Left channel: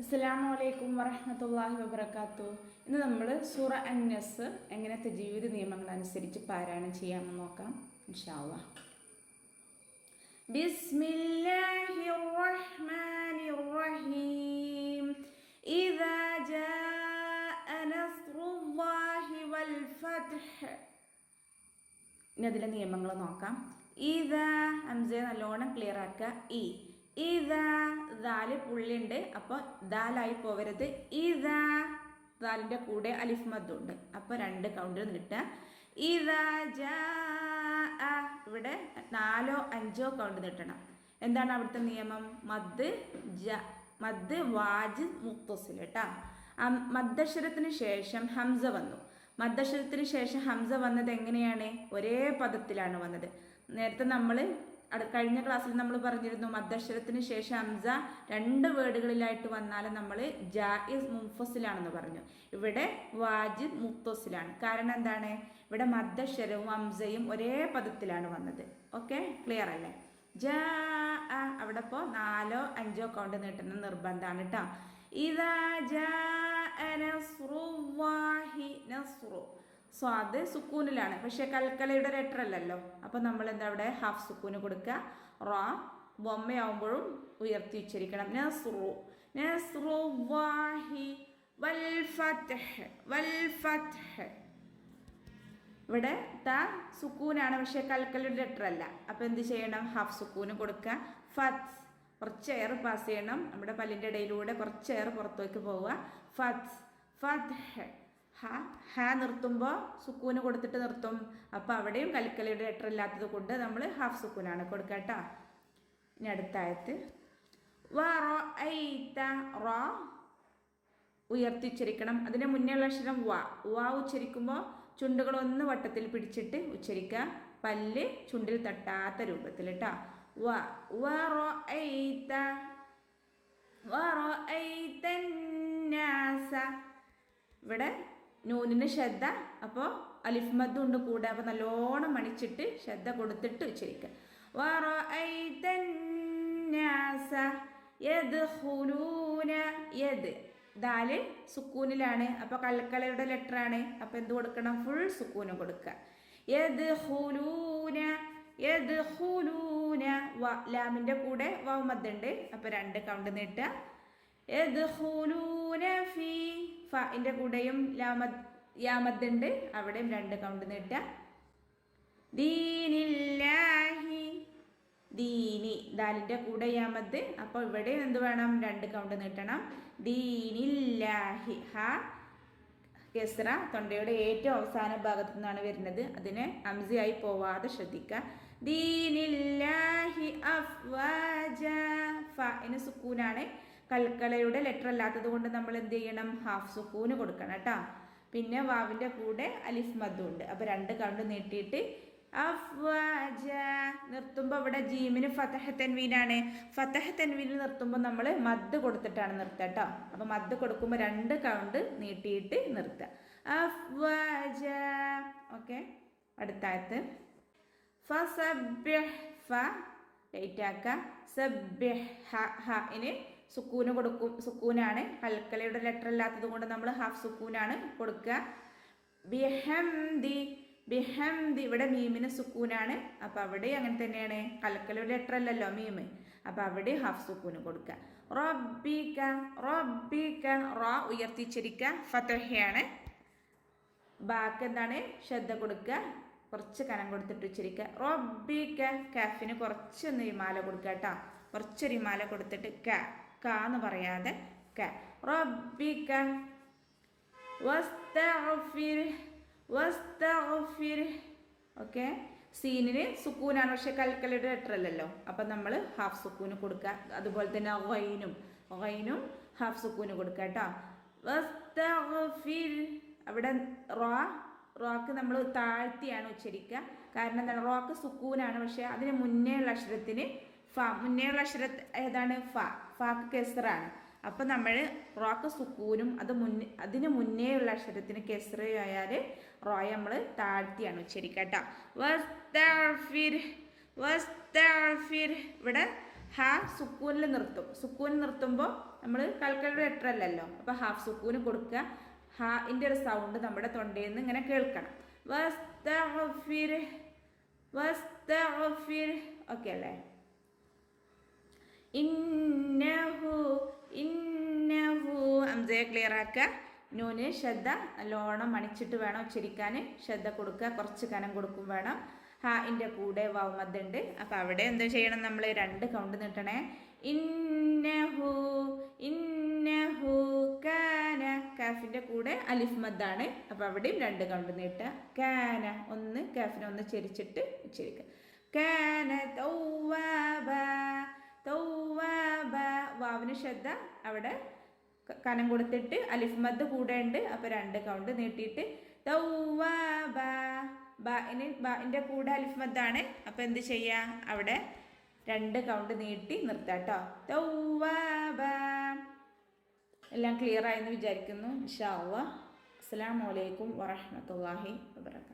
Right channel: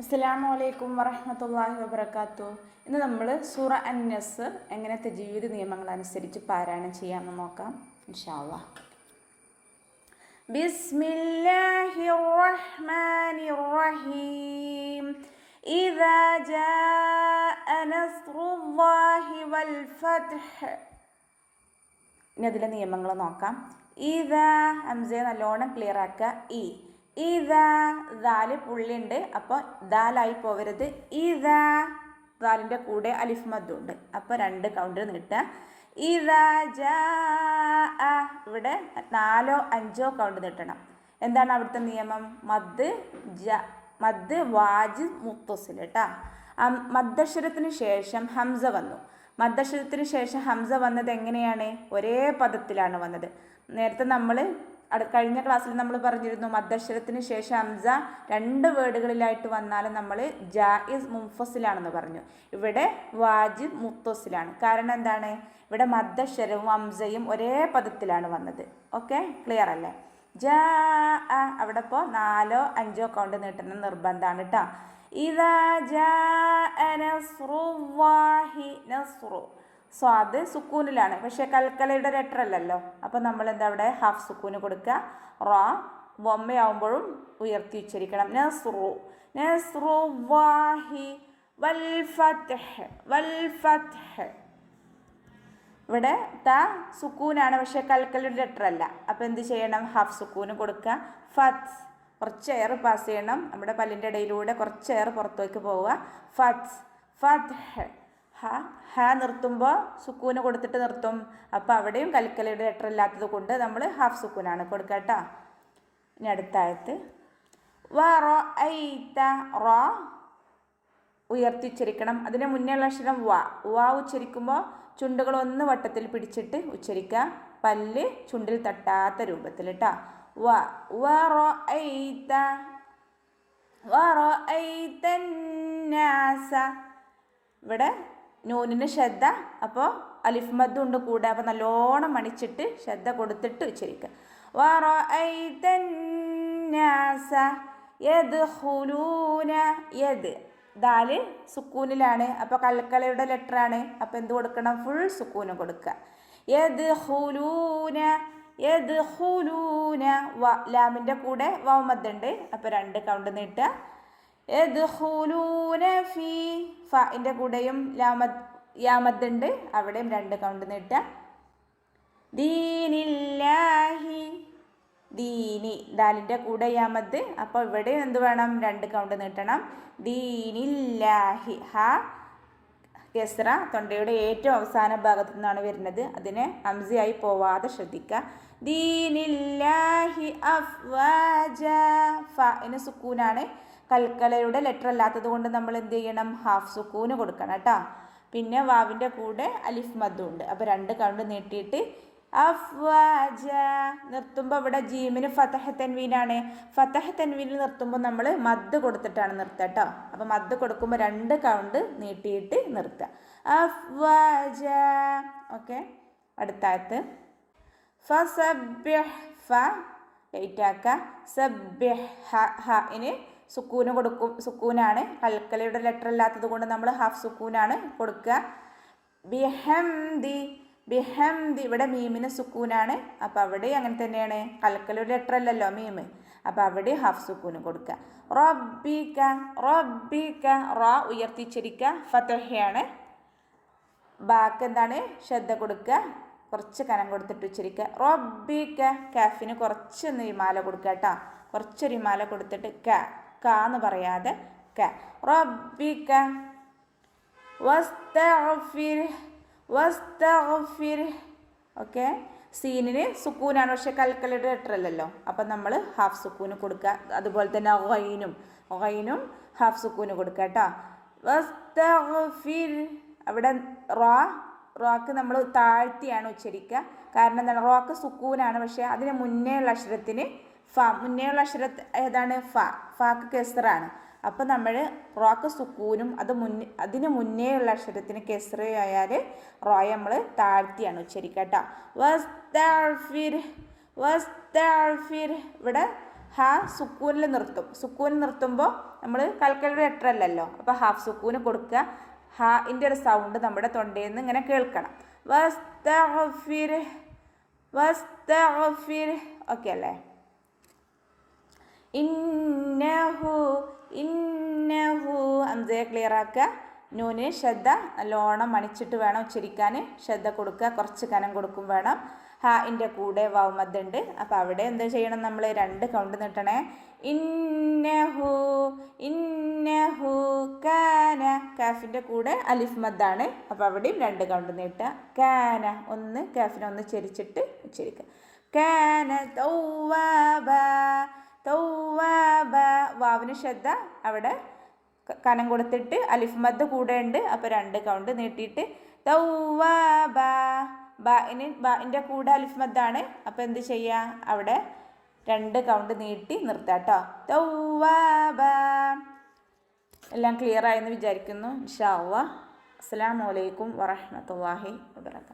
അസ്സലാമു അലൈക്കും വറഹ്മത്തുള്ളാഹി വബറകാതുഹു. ഇന്ന് നമ്മൾ സൂറ അൻ-നസ്ർ എങ്ങനെ തജ്വീദ് നിയമങ്ങൾ അനുസരിച്ച് പാരായണം ചെയ്യാമെന്ന് നോക്കാം ഇൻഷാ അല്ലാഹ്. ബിസ്മില്ലാഹിർ റഹ്മാനിർ റഹീം. ഇദാ ജാഅ നസ്റുല്ലാഹി വൽ ഫത്ഹ്. ഇനി അതിലെ നിയമങ്ങൾ നോക്കാം. ഇദാ ഹംസയെ നല്ലോണം ക്ലിയർ ആക്കുക. ഇതാ ദാല് പുള്ളിയുണ്ട്, അപ്പോൾ ദാലായി പോവരുത്. ഇതാ ദാലിൻ്റെ കൂടെ അലിഫ് മദ്ദുണ്ട്, അപ്പോൾ 2 കൗണ്ടിൽ നീട്ടുക. ഇതാ ജാ ഇവിടെ 4ഓ 5ഓ കൗണ്ട് നീട്ടണം. എന്താണ് അവിടുത്തെ നിയമം? മദ് വാജിബ് മുത്തസിൽ കേട്ടോ. മദ്ദക്ഷരത്തിന് ശേഷം ഹംസ വന്നു. മദ്ദക്ഷരത്തിന് ശേഷം ഹംസ വന്നത് എങ്ങനെയാണ്? ഒരേ പദത്തിലാണ് വന്നത്. നേരത്തെ നമ്മൾ കഴിഞ്ഞ ക്ലാസ്സിൽ നമ്മൾ പറഞ്ഞിരുന്നു, മദ്ദക്ഷരത്തിന് ശേഷം ഹംസ 2 വേർഡുകളിലായിട്ട് വന്നാൽ നമ്മൾ ജായിസ് മുൻഫസിലാണെന്ന് പറഞ്ഞു. ഇവിടെ വാജിബ് മുത്തസിലാണ്. കാരണം എന്താണ്? ഇവിടെ മദ്ദക്ഷരവും ഹംസയും ഒരേ പദത്തിലാണ് വന്നത്. ഓക്കെ, ക്ലിയർ അല്ലേ? ജാ അവിടെ ഇപ്പോൾ 4ഓ 5ഓ കൗണ്ട് നീട്ടുന്ന നിർബന്ധമാണ് കേട്ടോ. ഇദാ ജാഅ നസ്റുല്ലാഹി. നസ്റു സ്വാദ് സുക്കൂനിലാണ്, പക്ഷേ കൽക്കലയുടെ ലെറ്റർ അല്ലല്ലോ. അപ്പോൾ നമ്മൾ എന്താ അവിടെ ഹാഫ് സുക്കൂന് കൊടുക്കുക. റ ബൊമ്മയാവുമ്പോഴും ഉയർത്തി ഉച്ചരിക്കണം. നസ്റു നസ്റുല്ലാഹി വൽ ഫത്ഹ്. വൽ ഫത്ഹ് ഇവിടെ ത സുക്കൂനാണ്, പക്ഷേ കൽക്കലയുടെ ലെറ്റർ അല്ല. അപ്പോൾ എന്ത് ചെയ്യണം? ഹാഫ് സുക്കൂന് കൊടുക്കുക. ഫത്ത് കുറച്ച് എയർ പാസ് ചെയ്യണം. നമ്മുടെ പല്ലിൻ്റെ ഇടയിലൂടെ കുറച്ച് എയർ പുറത്തേക്ക് പോവുക. ഫത്ത് ഫത്ഹ്. ഹ നിർത്തുമ്പോൾ സുക്കൂന് കൊടുത്തിട്ട് നിർത്തും. അപ്പോൾ അവിടെയും കൽക്കലയുടെ ലെറ്റർ ഇല്ലാത്തത് കൊണ്ട് നമ്മൾ ഹാഫ് സുക്കൂനാണ് കൊടുക്കുക കേട്ടോ. ഇനി അടുത്ത ആയത്ത് റ ഉയർത്തിച്ചരിക്കണം. അതിന് മുന്നേയുള്ള അക്ഷരം വാ ഉച്ചരിക്കുമ്പോൾ ചുണ്ടുകൾ ഒന്ന് വട്ടത്തിൽ പിടിച്ചിട്ട് ഉച്ചരിക്കുക. പല്ല് ചുണ്ടിൽ തട്ടാത്ത രൂപത്തിൽ കേട്ടോ. ഇവിടെ നൂനിന് ശ്രദ്ധ, അപ്പോൾ അലിഫ് മദ്ദ് ഉണ്ട് കൂടെ. അപ്പോൾ നല്ലോണം മണിച്ചിട്ട് ശ്രദ്ധ കൊടുത്തിട്ട് ഉച്ചരിക്കുക. ദാല് സുക്കൂനിലാണ്, അപ്പോൾ കൽക്കലയുടെ ലെറ്ററാണ്. അപ്പോൾ എന്ത് കൊടുക്കണം? ഫുൾ സുക്കൂന് കൊടുക്കുക. ലാമിൻ്റെ കൂടെ വാവ് മദ്ദുണ്ട്, അപ്പോൾ 2 കൗണ്ട് നീട്ടുക. ഫിൻ്റെ കൂടെയും യാമദ്ദുണ്ട്, അവിടെയും 2 കൗണ്ട് നീട്ടുക. ദീനില്ലാഹി. ദീനി ദാലിൻ്റെ കൂടെ യാമദ്, അപ്പോൾ ഇവിടെ എന്ത് വേണം? 2 കൗണ്ട് നീട്ടണം. ദീനില്ലാഹി. കെസ്റ തൊണ്ടയുടെ ഏറ്റവും അവസാന ഭാഗത്തു നിന്നാണ് വരുന്നത്. അതിനെ ഹംസയായി പോവാതെ ശ്രദ്ധിക്കുക. ദീനില്ലാഹി അഫ്വാജ. ഫഇന് സുക്കൂനാണ്, കൽക്കലയുടെ ലെറ്റർ അല്ലാത്തത് കൊണ്ട് നമ്മൾ എന്ത് ചെയ്യണം? ഹാഫ് സുക്കൂന് കൊടുക്കണം കേട്ടോ. പിന്നെ വാവിൻ്റെ കൂടെ അലിഫ് മദ്ദും ഉണ്ട്, അപ്പോൾ 2 കൗണ്ട് നീട്ടിയിട്ട് അഫ്വാജ. നിർത്തുമ്പോൾ ഇവിടെ ജീമിന് ഫതഹ് തൻവീനാണ്. ഫതഹ് തൻവീനിൽ നിർത്തുമ്പോൾ നമ്മൾ മദ് കൊടുത്തിട്ടാണ് നിർത്തുക കേട്ടോ. അപ്പോൾ മദ് കൊടുക്കുമ്പോൾ 2 കൗണ്ട് നീട്ടിയിട്ട് നിർത്തുക. അഫ്വാജ. ഓക്കെ, അടുത്തായത് ഫസബ്ബിഹ്. ഫ ലൈറ്റാക്കുക. സബ്ബിഹ്. ഇനി സുക്കൂന് കൊടുക്കും. സുക്കൂനാണ്, കൽക്കലയുടെ ലെറ്റർ അല്ലാത്തത് കൊണ്ട് നമ്മൾ ഹാഫ് സുക്കൂനാണ് കൊടുക്കുക. ബിഹംദി. ബിഹംദി ഇവിടെ മീമിന് സുക്കൂനാണ്, അപ്പോൾ അവിടെ അങ്ങനെ തന്നെയാണ്. കൽക്കലയുടെ ലെറ്റർ അല്ലല്ലോ മീമ്, അപ്പോൾ അവിടെ ഹാഫ് സുക്കൂന് കൊടുക്കുക. റബ്ബിക. റബ്ബിക. റ ഉയർത്തിച്ചിരിക്കുക. ഫതഹയാണ്. ബാക്ക് എന്താണ്? ശ്രദ്ധ കൊടുക്കുക, കുറച്ച് കനം കൊടുത്തിട്ട് ഉച്ചരിക്കുക. റബ്ബിക. കാഫിന് കുറച്ച് റിമാല കൊടുക്കുക കേട്ടോ. കുറച്ച് റിമാല കൊടുത്തിട്ട് എന്ന് പറയാതെ ക. റബ്ബിക വസ്തഗ്ഫിർ. വസ്തഗ്ഫിർ. ഓക്കെ, സീനിന് സുക്കൂനാണ്, പക്ഷേ കൽക്കലയുടെ ലെറ്റർ അല്ലല്ലോ. അപ്പം നമ്മൾ ഹാഫ് സുക്കൂന് കൊടുക്കുക. അതുപോലെ തന്നെ ഗൈനും ഹാഫ് സുക്കൂന് കൊടുക്കുക കേട്ടോ. വസ്തഗ്ഫിർ. അവിടെ റോക്ക് നമ്മൾ താഴ്ത്തിയാണ് ഉച്ചരിക്കുക. കാരണം എന്താണ്? റോക്ക് സുക്കൂനാണ്, പക്ഷേ അതിന് മുന്നേ ഉള്ള അക്ഷരത്തിന് മുന്നേയുള്ള അക്ഷര ഏതാണ്? ഫാക്ക് കെസ്റാണ്. അപ്പോൾ നമ്മൾ റോക്ക് സുക്കൂനും അതിന് മുന്നേ ഉള്ള അക്ഷരത്തിന് കെസ്റ ആയാൽ റോയെ നമ്മൾ താഴ്ത്തിയാണ് ഉച്ചരിക്കുക കേട്ടോ. വസ്തഗ്ഫിർ. വസ്തഗ്ഫിർ. ഇവിടെ ഹ സുക്കൂനിൽ നിർത്തും. സുക്കൂനിൽ നിർത്തുമ്പോൾ നമ്മൾ കാൽക്കുലേറ്റർ അല്ലല്ലോ, അപ്പോൾ ഹാഫ് സുക്കൂന് കൊടുക്കുക. ഹാൻ്റെ ഒരു സൗണ്ട് നമ്മുടെ തൊണ്ടയിൽ നിന്ന് ഇങ്ങനെ കേൾക്കണം. വസ്തഗ്ഫിർ വസ്തഗ്ഫിർ. ഓക്കെ അല്ലേ? ഇന്നഹു ഇന്നഹു ഹംസയെ ക്ലിയർ ആക്കുക. നൂന് ശ്രദ്ധ നല്ലോണം മണിച്ചിട്ട് വേണം ഉച്ചരിക്കാൻ. ശ്രദ്ധ കൊടുക്കുക, കുറച്ച് കനം കൊടുക്കും വേണം. ഹാൻ്റെ കൂടെ വാവ് മദ്ദുണ്ട്. അപ്പോൾ അവിടെ എന്താ ചെയ്യണം, നമ്മൾ 2 കൗണ്ട് നീട്ടണേ. ഇന്നഹു ഇന്നഹു കാന. കാഫിൻ്റെ കൂടെ അലിഫ് മദ്ദാണ്. അപ്പോൾ അവിടെയും 2 കൗണ്ട് നീട്ടുക. കാന ഒന്ന് കാഫിനെ ഒന്ന് ചെരിച്ചിട്ട് ഉച്ചരിക്കുക. കാന തൗവാബ തൗവാബ. വാവിന് ശ്രദ്ധ അവിടെ കനം കൊടുത്തിട്ട് അലിഫ് മദ് കൂടെ ഉണ്ട്. അപ്പോൾ 2 കൗണ്ട് നീട്ടിയിട്ട് തൗവാബ. ബാഇൻ്റെ കൂടെ അലിഫ് മദ്ദാണ്. അപ്പോൾ എന്ത് ചെയ്യുക, അവിടെ 2 കൗണ്ട് നീട്ടി നിർത്താം കേട്ടോ. തൗവാബ. എല്ലാം ക്ലിയർ ആയെന്ന് വിചാരിക്കുന്നു. ഇൻഷാ അല്ലാഹ്. അസ്സലാമു അലൈക്കും വറഹ്മത്തുള്ളാഹി വബറകാതുഹു.